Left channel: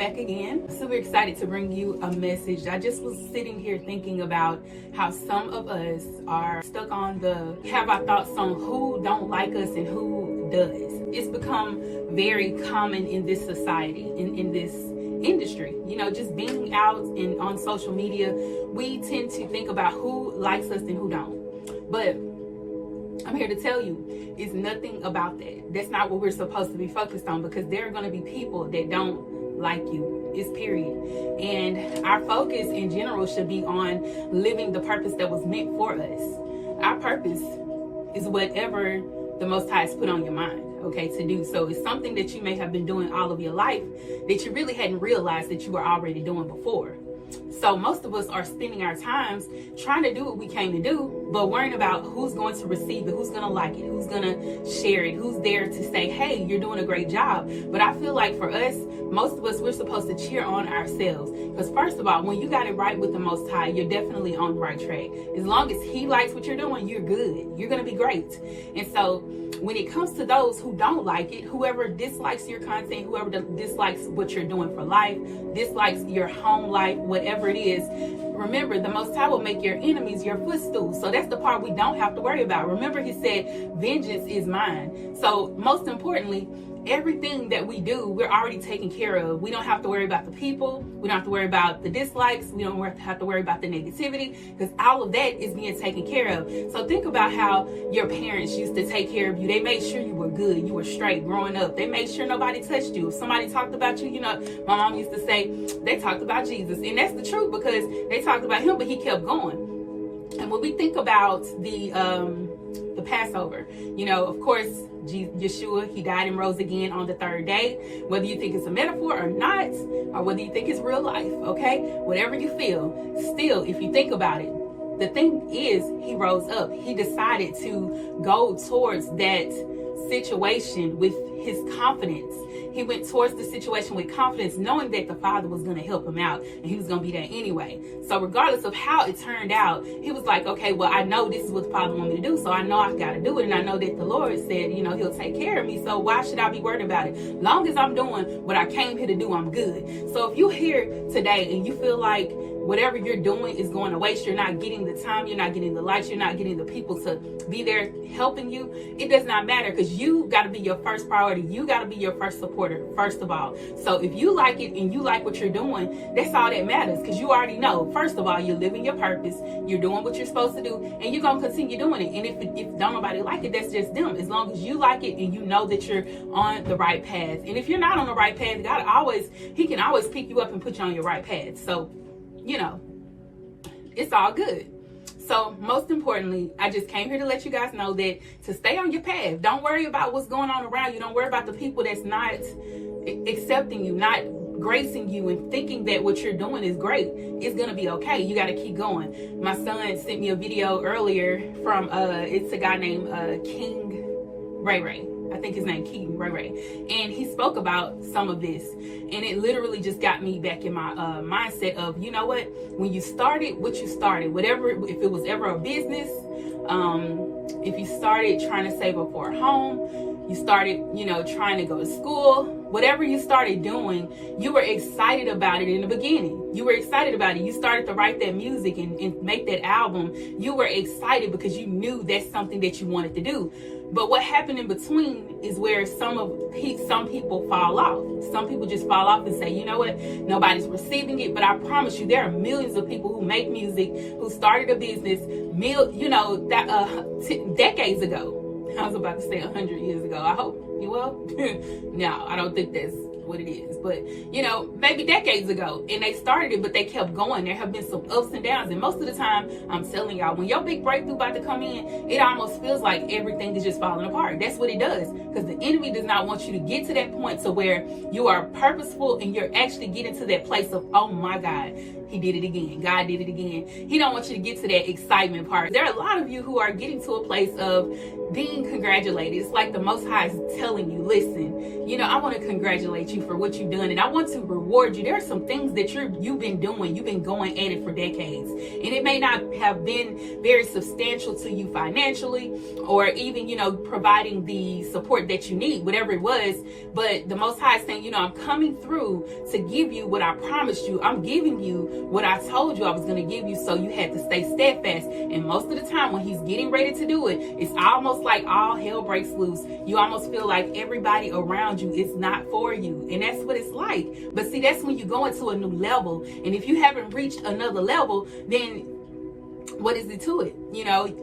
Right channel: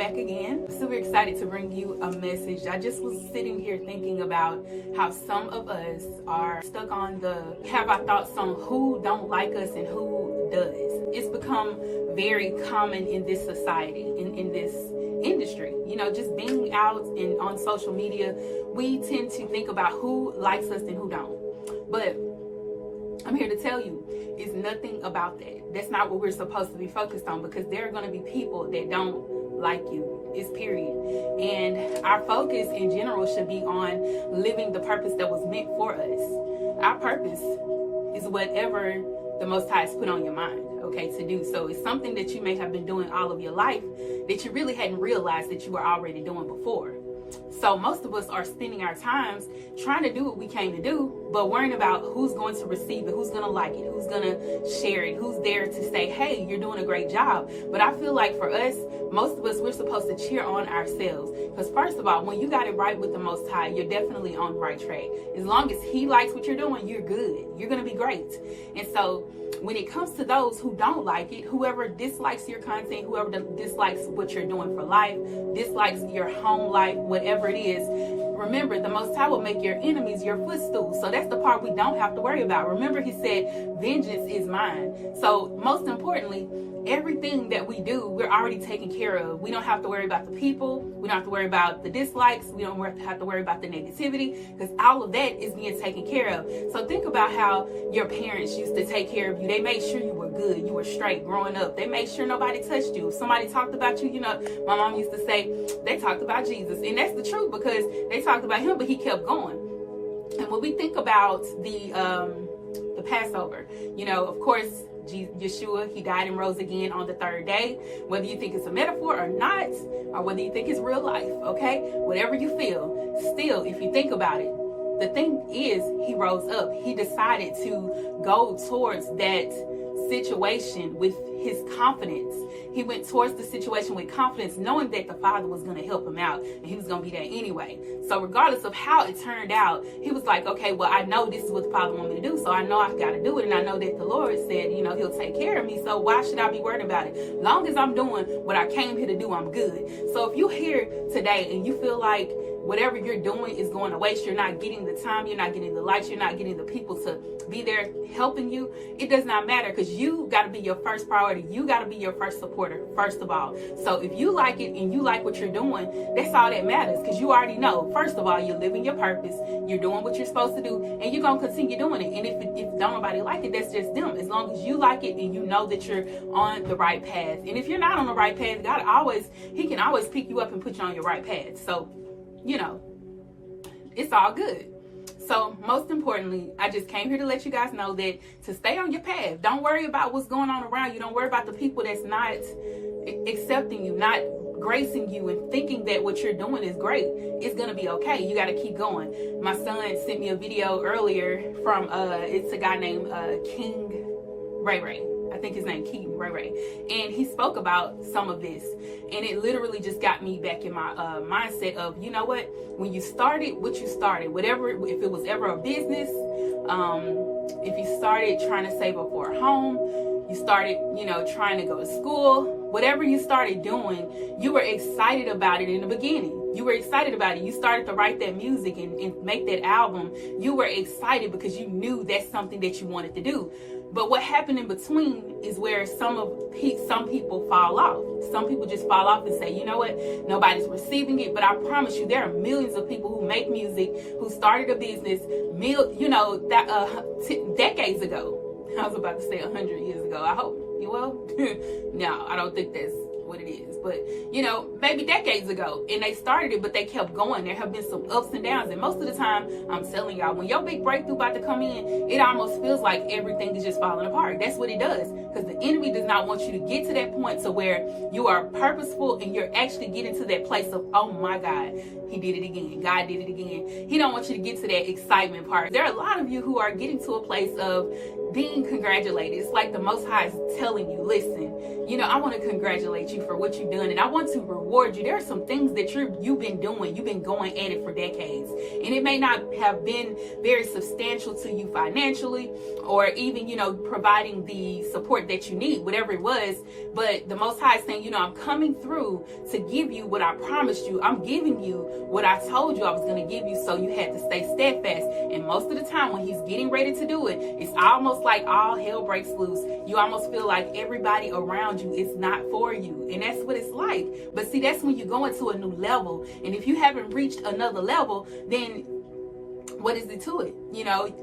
Back again. Super excited to bring you a message. I just was sitting here thinking about how some of us are stuck on have our thoughts on who don't like us and who does. It's become very common in this society, in this industry. You know, just being out and on social media, we tend to think about who likes us and who don't. But I'm here to tell you, it's nothing about that. That's not what we're supposed to be focused on, because there are going to be people that don't like you. It's period. And our focus in general should be on living the purpose that was meant for us. Our purpose is whatever the Most High has put on your mind, okay, to do. So it's something that you may have been doing all of your life that you really hadn't realized that you were already doing before. So most of us are spending our times trying to do what we came to do, but worrying about who's going to receive it, who's going to like it, who's going to share it, who's there to say, hey, you're doing a great job. But I feel like for us, most of us, we're supposed to cheer on ourselves. Because first of all, when you got it right with the Most High, you're definitely on the right track. As long as He likes what you're doing, you're good. You're going to be great. And so when it comes to those who don't like it, whoever dislikes your content, whoever dislikes what you're doing for life, dislikes your home life, whatever it is, remember, the Most High will make your enemies your footstool. So that's the part we don't have to worry about. Remember, He said, vengeance is mine. So most importantly, everything that we do, we're already taken care of. We don't have to worry about the people. We don't have to worry about the dislikes. We don't have to worry about the negativity, because all of that is being taken care of. So think about how your parents used to take care of you. They made sure you were good, you were straight growing up. They made sure nobody touched you. If somebody talked about you, you know, my mom used to say, they talked about Jesus. And that's the truth, because they talked about Him, but He kept going. And when we think about the Passover, you know, of course, Yeshua, He died and rose again on the third day. Whether you think it's a metaphor or not, or whether you think it's real life, okay? Whatever you feel, still, if you think about it, the thing is, He rose up. He decided to go towards that situation with His confidence. He went towards the situation with confidence, knowing that the Father was going to help Him out, and He was going to be there anyway. So regardless of how it turned out, He was like, okay, well, I know this is what the Father wants me to do, so I know I've got to do it. And I know that the Lord said, you know, He'll take care of me. So why should I be worried about it? Long as I'm doing what I came here to do, I'm good. So if you're here today and you feel like whatever you're doing is going to waste, you're not getting the time, you're not getting the lights, you're not getting the people to be there helping you, it does not matter, because you got to be your first priority. You got to be your first supporter, first of all. So if you like it and you like what you're doing, that's all that matters, because you already know, first of all, you're living your purpose, you're doing what you're supposed to do, and you're going to continue doing it. And if don't nobody like it, that's just them. As long as you like it and you know that you're on the right path. And if you're not on the right path, He can always pick you up and put you on your right path. So, you know, it's all good. So most importantly, I just came here to let you guys know that to stay on your path. Don't worry about what's going on around you. Don't worry about the people that's not accepting you, not gracing you, and thinking that what you're doing is great. It's gonna be okay. You got to keep going. My son sent me a video earlier from it's a guy named King Ray Ray. I think his name King Ray Ray, and he spoke about some of this, and it literally just got me back in my mindset of, you know what, when you started what you started, whatever, if it was ever a business, if you started trying to save up for a home, you started, you know, trying to go to school, whatever you started doing, you were excited about it in the beginning. You were excited about it. You started to write that music and make that album. You were excited because you knew that's something that you wanted to do. But what happened in between is where some people fall off. Some people just fall off and say, you know what, nobody's receiving it. But I promise you, there are millions of people who make music, who started a business, decades ago. I was about to say 100 years ago. I hope, well, no, I don't think that's what it is, but you know, maybe decades ago, and they started it, but they kept going. There have been some ups and downs, and most of the time, I'm telling y'all, when your big breakthrough about to come in, it almost feels like everything is just falling apart. That's what it does, because the enemy does not want you to get to that point to where you are purposeful and you're actually getting to that place of, oh my God, He did it again. God did it again. He don't want you to get to that excitement part. There are a lot of you who are getting to a place of being congratulated. It's like the Most High is telling you, listen, I want to congratulate you for what you've done, and I want to reward you. There are some things that you've been doing. You've been going at it for decades, and it may not have been very substantial to you financially, or even, providing the support that you need, whatever it was. But the Most High is saying, I'm coming through to give you what I promised you. I'm giving you what I told you I was going to give you, so you had to stay steadfast. And most of the time when he's getting ready to do it, it's almost like all hell breaks loose. You almost feel like everybody around you is not for you, and that's what it's like. But see, that's when you go into a new level, and if you haven't reached another level, then what is it to it?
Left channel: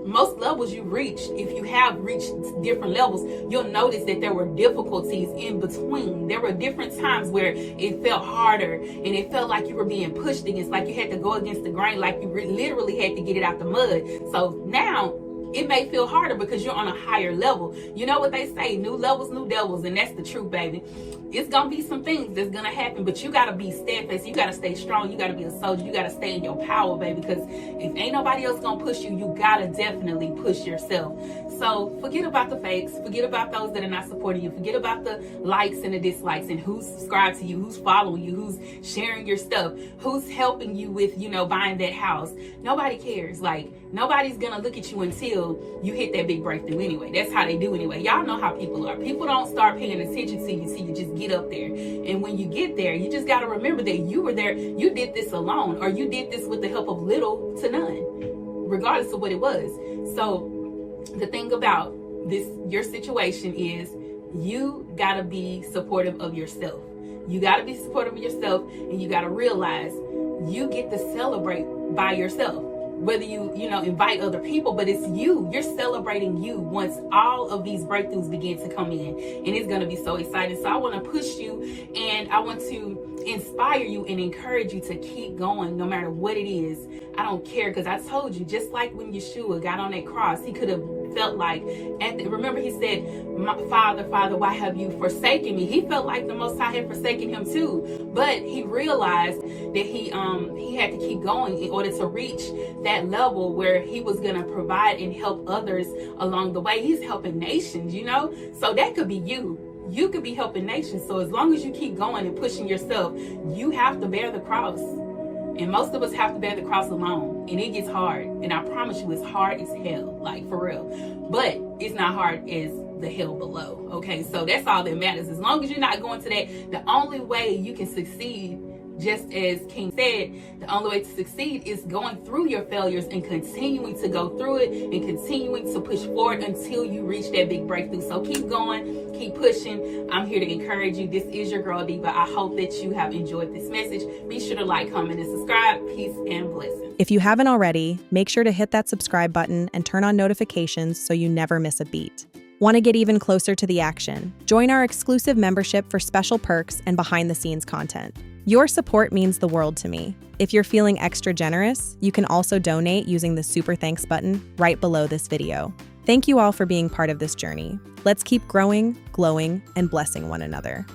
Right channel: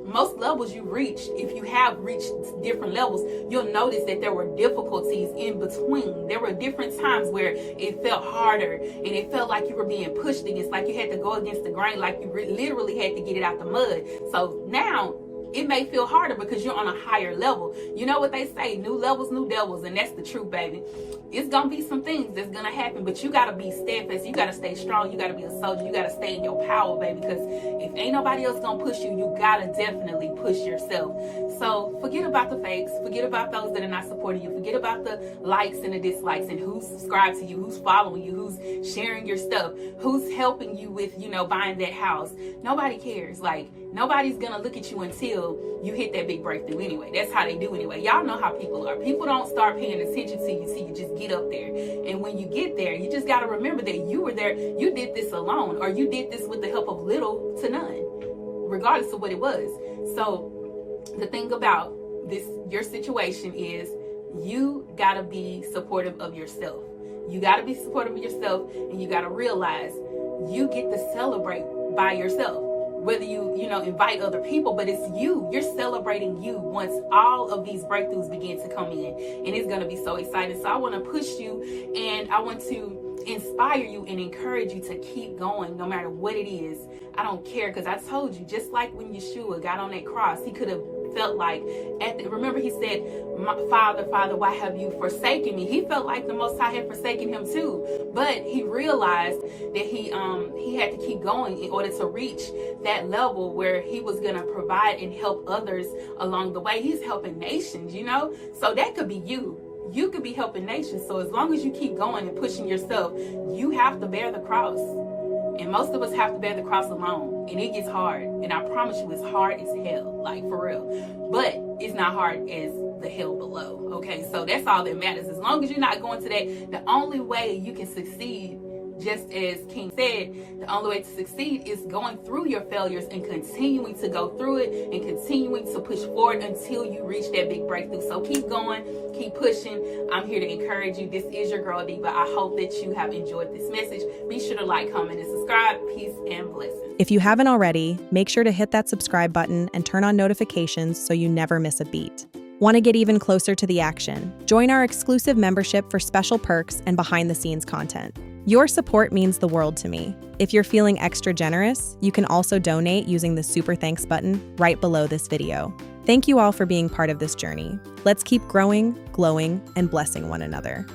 Most levels you reached, if you have reached different levels, you'll notice that there were difficulties in between. There were different times where it felt harder, and it felt like you were being pushed against, like you had to go against the grain, like you literally had to get it out the mud. So now it may feel harder because you're on a higher level. You know what they say, new levels, new devils, and that's the truth, baby. It's gonna be some things that's gonna happen, but you gotta be steadfast. You gotta stay strong. You gotta be a soldier. You gotta stay in your power, baby, because if ain't nobody else gonna push you, you gotta definitely push yourself. So forget about the fakes. Forget about those that are not supporting you. Forget about the likes and the dislikes, and who's subscribed to you, who's following you, who's sharing your stuff, who's helping you with, buying that house. Nobody cares. Like, nobody's gonna look at you until you hit that big breakthrough anyway. That's how they do anyway. Y'all know how people are. People don't start paying attention to you till you just get up there. And when you get there, you just got to remember that you were there. You did this alone, or you did this with the help of little to none, regardless of what it was. So the thing about your situation is you got to be supportive of yourself. You got to be supportive of yourself, and you got to realize you get to celebrate by yourself. Whether you invite other people, but it's you're celebrating you once all of these breakthroughs begin to come in, and it's going to be so exciting. So I want to push you, and I want to inspire you and encourage you to keep going no matter what it is. I don't care, because I told you, just like when Yeshua got on that cross, he could have felt like, remember he said, Father, why have you forsaken me? He felt like the Most High had forsaken him too, but he realized that he had to keep going in order to reach that level where he was going to provide and help others along the way. He's helping nations, so that could be you. You could be helping nations. So as long as you keep going and pushing yourself, you have to bear the cross. And most of us have to bear the cross alone. And it gets hard. And I promise you, it's hard as hell. Like, for real. But it's not hard as the hell below. Okay? So that's all that matters. As long as you're not going to that, the only way you can succeed, just as King said, the only way to succeed is going through your failures and continuing to go through it and continuing to push forward until you reach that big breakthrough. So keep going, keep pushing. I'm here to encourage you. This is your girl Diva. I hope that you have enjoyed this message. Be sure to like, comment, and subscribe. Peace and blessings. If you haven't already, make sure to hit that subscribe button and turn on notifications so you never miss a beat. Want to get even closer to the action? Join our exclusive membership for special perks and behind-the-scenes content. Your support means the world to me. If you're feeling extra generous, you can also donate using the Super Thanks button right below this video. Thank you all for being part of this journey. Let's keep growing, glowing, and blessing one another.